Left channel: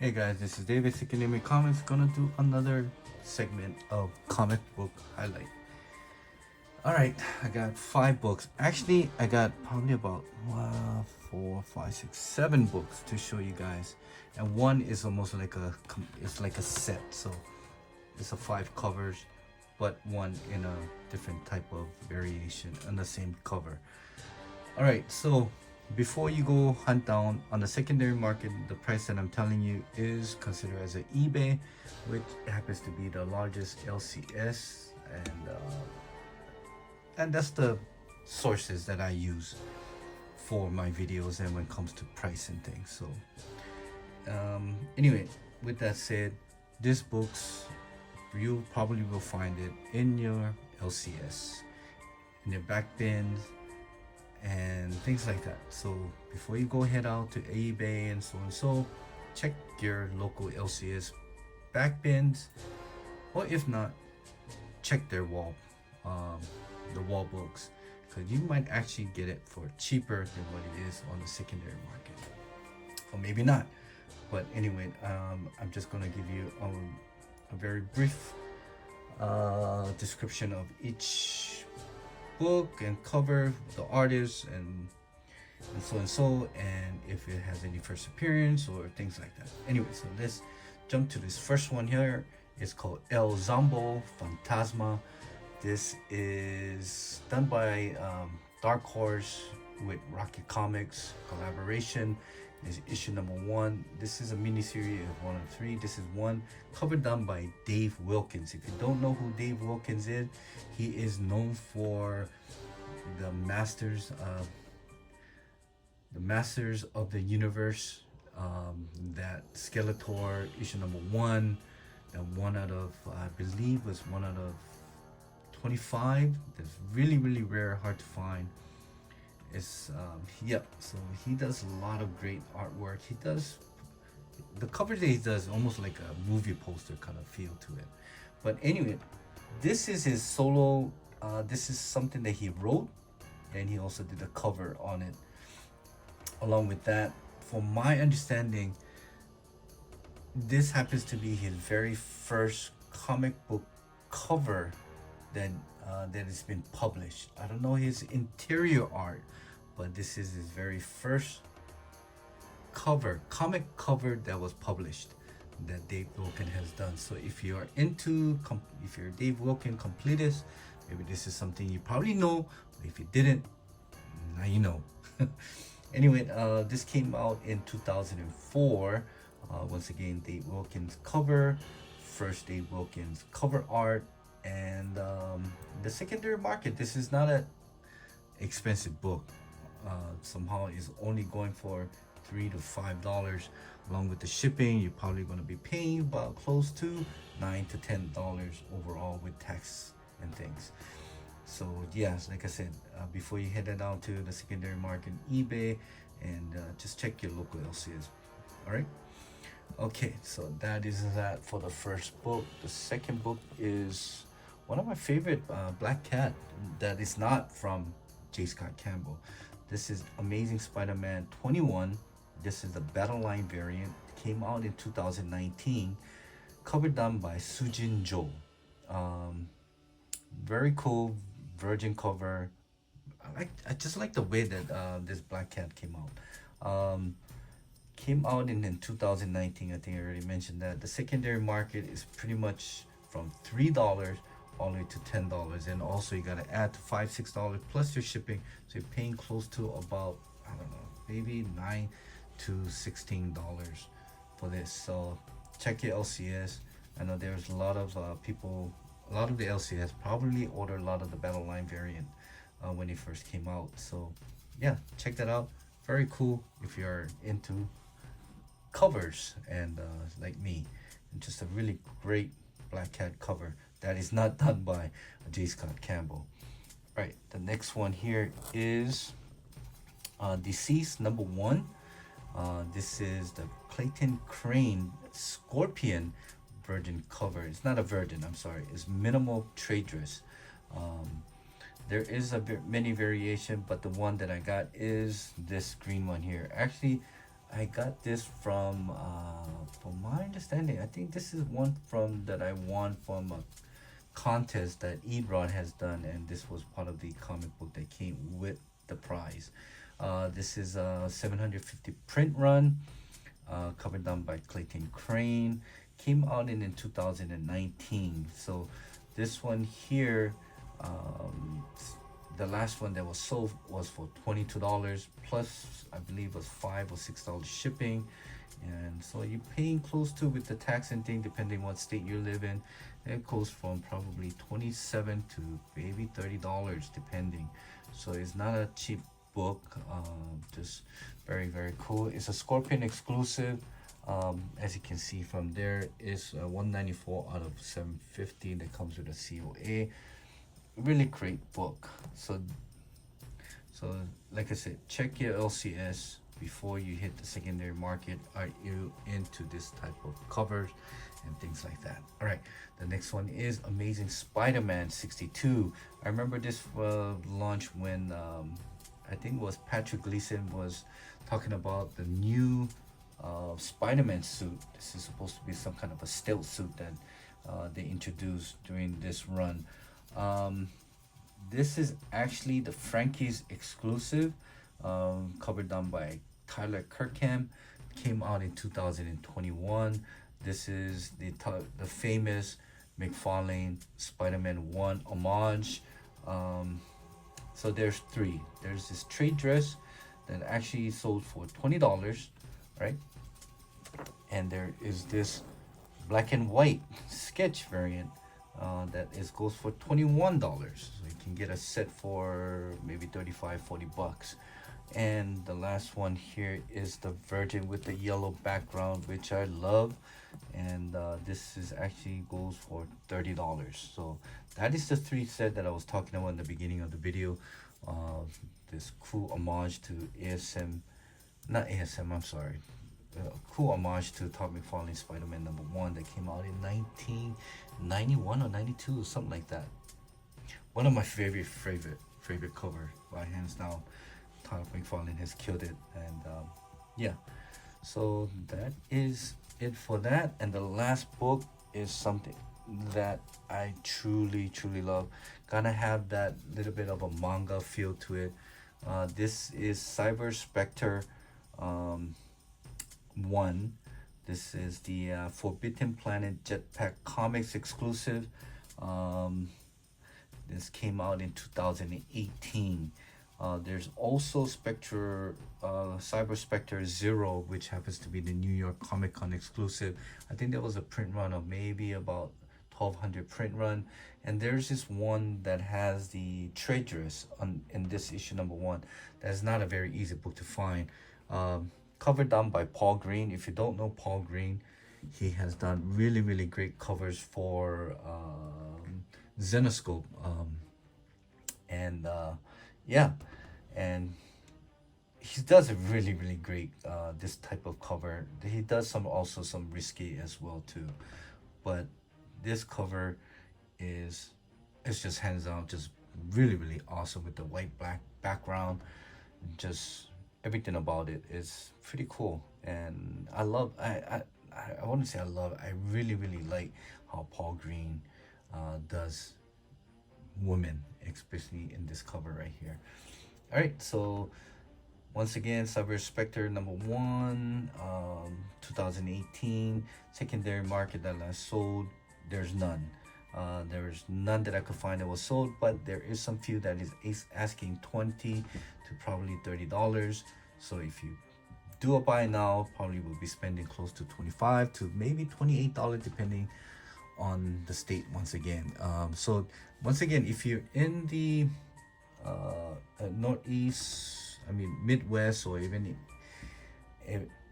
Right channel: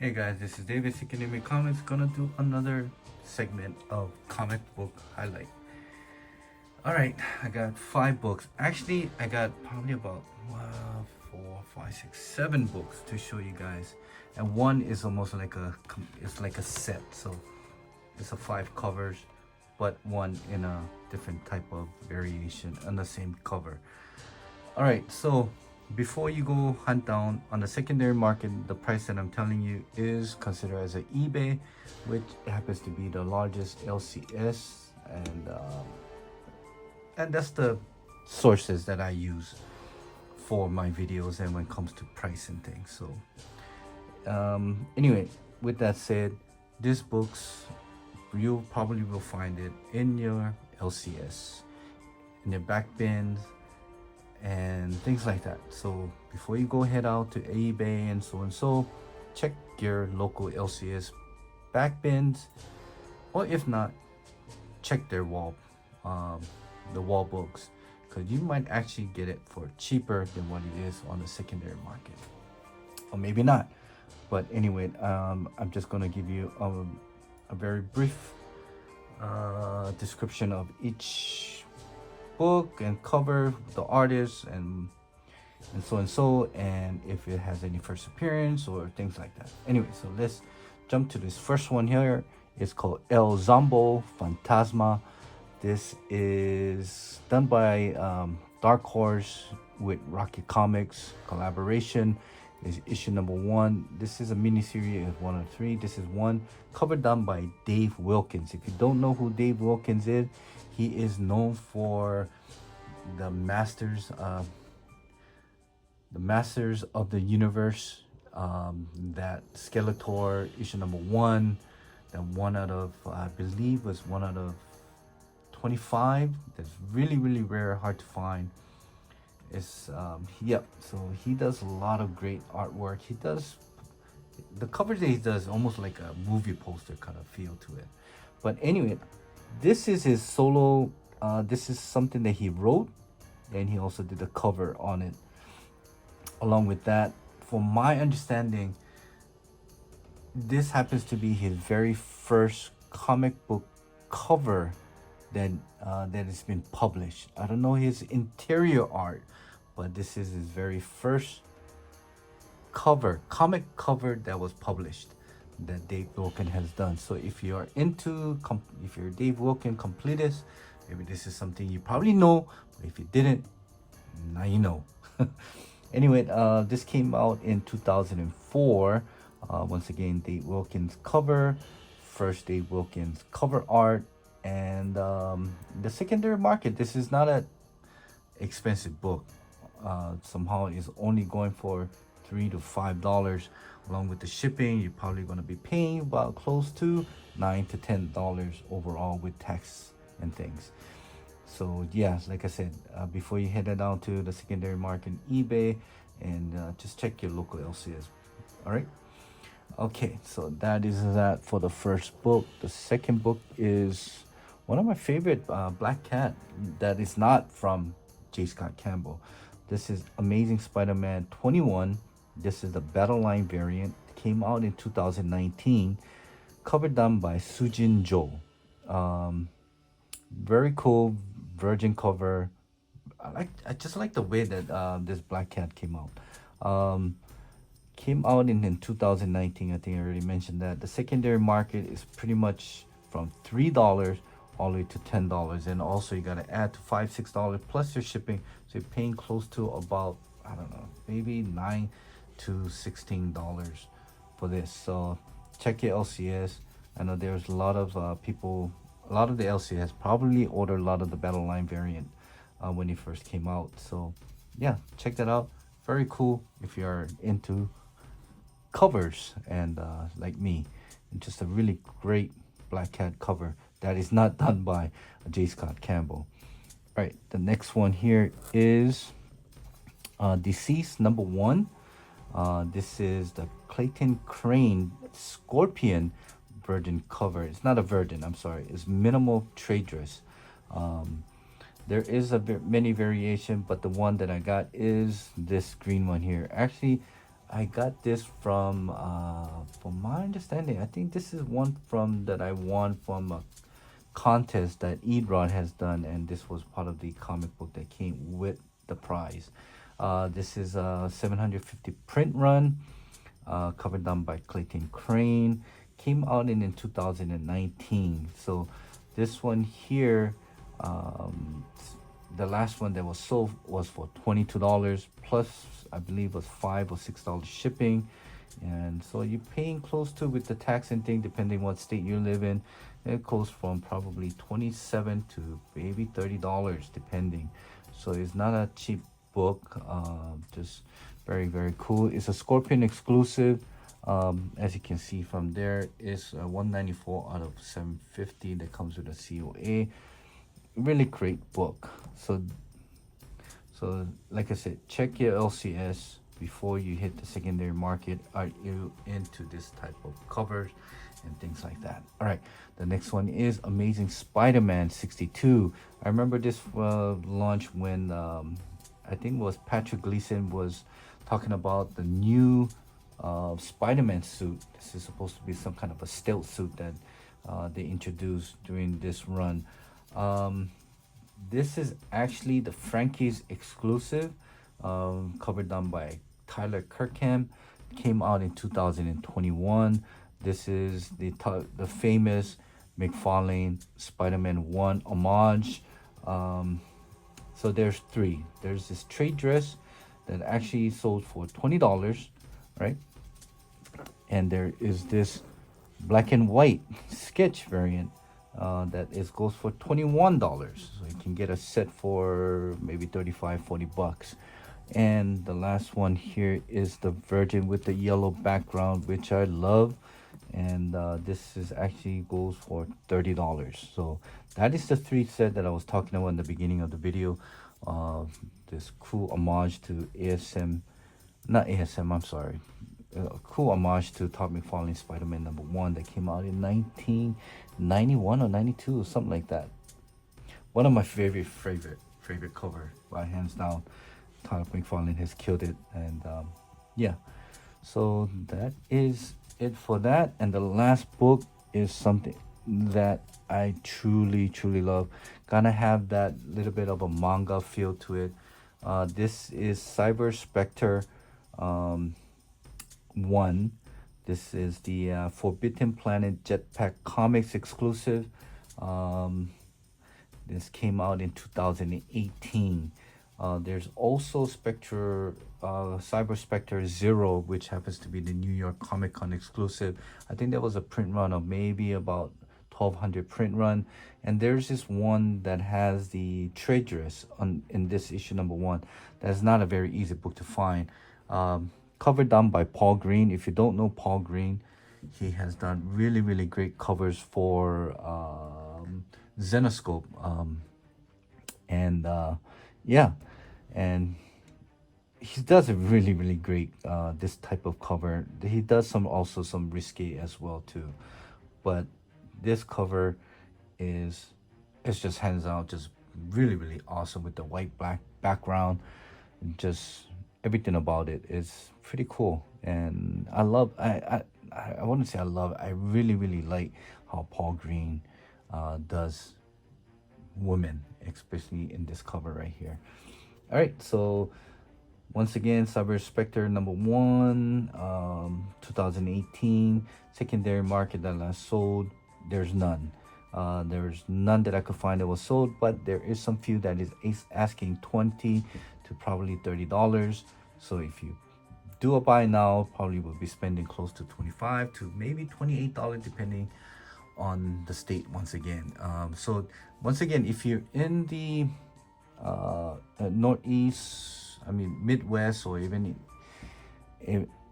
Hey guys, this is David SNMC Comics. Gonna do another segment of comic book highlight. All right, I got 5 books. Actually, I got probably about 7 books to show you guys, and one is almost like it's like a set. So it's a 5 covers, but one in a different type of variation on the same cover. All right, so before you go hunt down on the secondary market, the price that I'm telling you is considered as an eBay, which happens to be the largest LCS, and that's the sources that I use for my videos and when it comes to price and things. So anyway, with that said, this books you probably will find it in your LCS, in your back bins and things like that. So before you go head out to eBay and so, check your local LCS back bins, or if not, check their the wall books, because you might actually get it for cheaper than what it is on the secondary market, or maybe not. But anyway, I'm just gonna give you a very brief description of each book and cover, the artist, and so, and if it has any first appearance or things like that. Anyway, so let's jump to this first one here. It's called El Zombo Fantasma. This is done by Dark Horse with Rocky Comics collaboration. Is issue number 1. This is a mini series of 1 of 3. This is one cover done by Dave Wilkins. If you don't know who Dave Wilkins is, he is known for the Masters of the Universe, that Skeletor issue number 1, that one out of, I believe, was 1 out of 25. That's really rare, hard to find. It's yep, so he does a lot of great artwork. He does the cover that he does almost like a movie poster kind of feel to it. But anyway, this is his solo. This is something that he wrote, and he also did a cover on it. Along with that, from my understanding, this happens to be his very first comic book cover that has been published. I don't know his interior art, but this is his very first comic cover that was published that Dave Wilkins has done. So if you're if you're a Dave Wilkins completist, maybe this is something you probably know, but if you didn't, now you know. Anyway, this came out in 2004. Once again, Dave Wilkins cover, first Dave Wilkins cover art, and the secondary market. This is not an expensive book. Somehow it's only going for $3 to $5. Along with the shipping, you're probably going to be paying about close to $9 to $10 overall with tax and things. So yes, like I said, before you head down to the secondary market, eBay, and just check your local LCS. All right. Okay, so that is that for the first book. The second book is one of my favorite, Black Cat, that is not from J. Scott Campbell. This is Amazing Spider-Man 21. This is the Battle Line variant. Came out in 2019. Cover done by Sujin Jo. Very cool virgin cover. I just like the way that this Black Cat came out. Came out in 2019. I think I already mentioned that. The secondary market is pretty much from $3 all the way to $10, and also you got to add to $5-6 plus your shipping, so you're paying close to about, I don't know, maybe $9 to $16 for this. So check your LCS. I know there's a lot of people, a lot of the LCS probably ordered a lot of the Battle Line variant when it first came out. So yeah, check that out. Very cool if you're into covers and like me, and just a really great Black Cat cover that is not done by J. Scott Campbell. All right, the next one here is Deceased number 1. This is the Clayton Crane Scorpion virgin cover. It's not a virgin, I'm sorry, it's minimal trade dress. There is many variation, but the one that I got is this green one here. Actually, I got this from my understanding, I think this is one from that I won from a contest that Edrod has done, and this was part of the comic book that came with the prize. This is a 750 print run, covered done by Clayton Crane. Came out in 2019. So this one here, the last one that was sold was for $22 plus, I believe, was $5 or $6 shipping. And so you're paying close to, with the tax and thing, depending what state you live in, it goes from probably 27 to maybe $30 depending. So it's not a cheap book. Just very, very cool. It's a Scorpion exclusive. As you can see from there, it's 194 out of 750 that comes with a COA. Really great book. So like I said, check your LCS before you hit the secondary market. Are you into this type of covers and things like that? All right, the next one is Amazing Spider-Man 62. I remember this launch when I think it was Patrick Gleason was talking about the new Spider-Man suit. This is supposed to be some kind of a stealth suit that they introduced during this run. This is actually the Frankie's exclusive, cover done by Tyler Kirkham. Came out in 2021. This is the famous McFarlane Spider-Man 1 homage. So there's three. There's this trade dress that actually sold for $20, right? And there is this black and white sketch variant that goes for $21. So you can get a set for maybe 35, 40 bucks. And the last one here is the Virgin with the yellow background, which I love. And this is actually goes for $30. So that is the three set that I was talking about in the beginning of the video. This cool homage to not ASM, I'm sorry. Cool homage to Todd McFarlane Spider-Man #1 that came out in 1991 or 92 or something like that. One of my favorite cover by hands down. Todd McFarlane has killed it. And yeah, so that is it for that. And the last book is something that I truly love. Gonna have that little bit of a manga feel to it. This is Spectre 1. This is the Forbidden Planet Jetpack Comics exclusive. This came out in 2018. There's also Spectre, Cyber Spectre 0, which happens to be the New York Comic Con exclusive. I think there was a print run of maybe about 1200 print run. And there's this one that has the trade dress in this issue #1. That's not a very easy book to find. Cover done by Paul Green. If you don't know Paul Green, he has done really great covers for Zenoscope. Yeah, and he does a really great this type of cover. He does also some risque as well too, but this cover is, it's just hands out, just really awesome with the white black background. Just everything about it is pretty cool. And I love, I wouldn't say I love, I really like how Paul Green does women, especially in this cover right here. All right, so once again, Cyber Spectre #1, 2018. Secondary market that I sold, there's none. There's none that I could find that was sold, but there is some few that is asking $20 to probably $30. So if you do a buy now, probably will be spending close to $25 to maybe $28, depending on the state once again. So once again, if you're in the Northeast, I mean Midwest, or even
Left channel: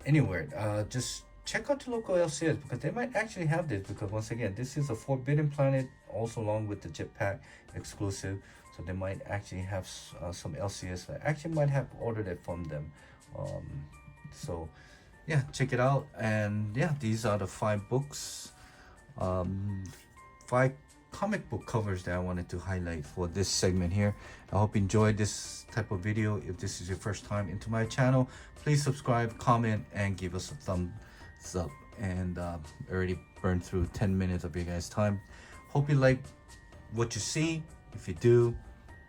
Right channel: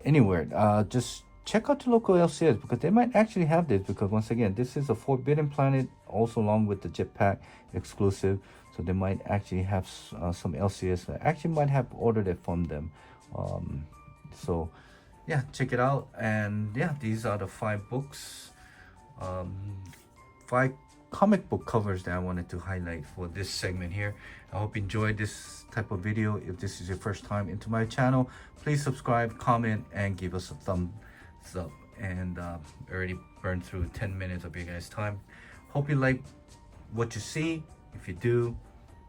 anywhere, just check out the local LCS, because they might actually have this. Because once again, this is a Forbidden Planet, also along with the Jetpack exclusive, so they might actually have some LCS that actually might have ordered it from them. So yeah, check it out. And yeah, these are the 5 books, 5 comic book covers that I wanted to highlight for this segment here. I hope you enjoyed this type of video. If this is your first time into my channel, please subscribe, comment, and give us a thumbs up. And I already burned through 10 minutes of your guys' time. Hope you like what you see. If you do,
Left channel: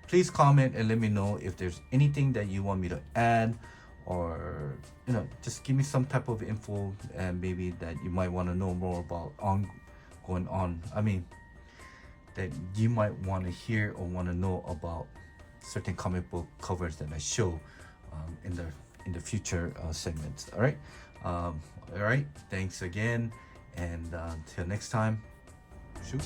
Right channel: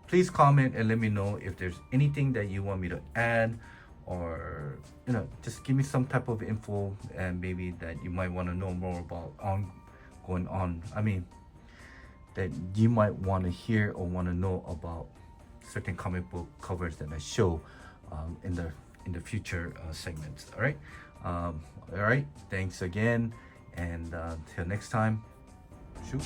please comment and let me know if there's anything that you want me to add, or just give me some type of info and maybe that you might want to know more about that you might want to hear or want to know about certain comic book covers that I show in the future segments. All right, thanks again, and till next time, shoot.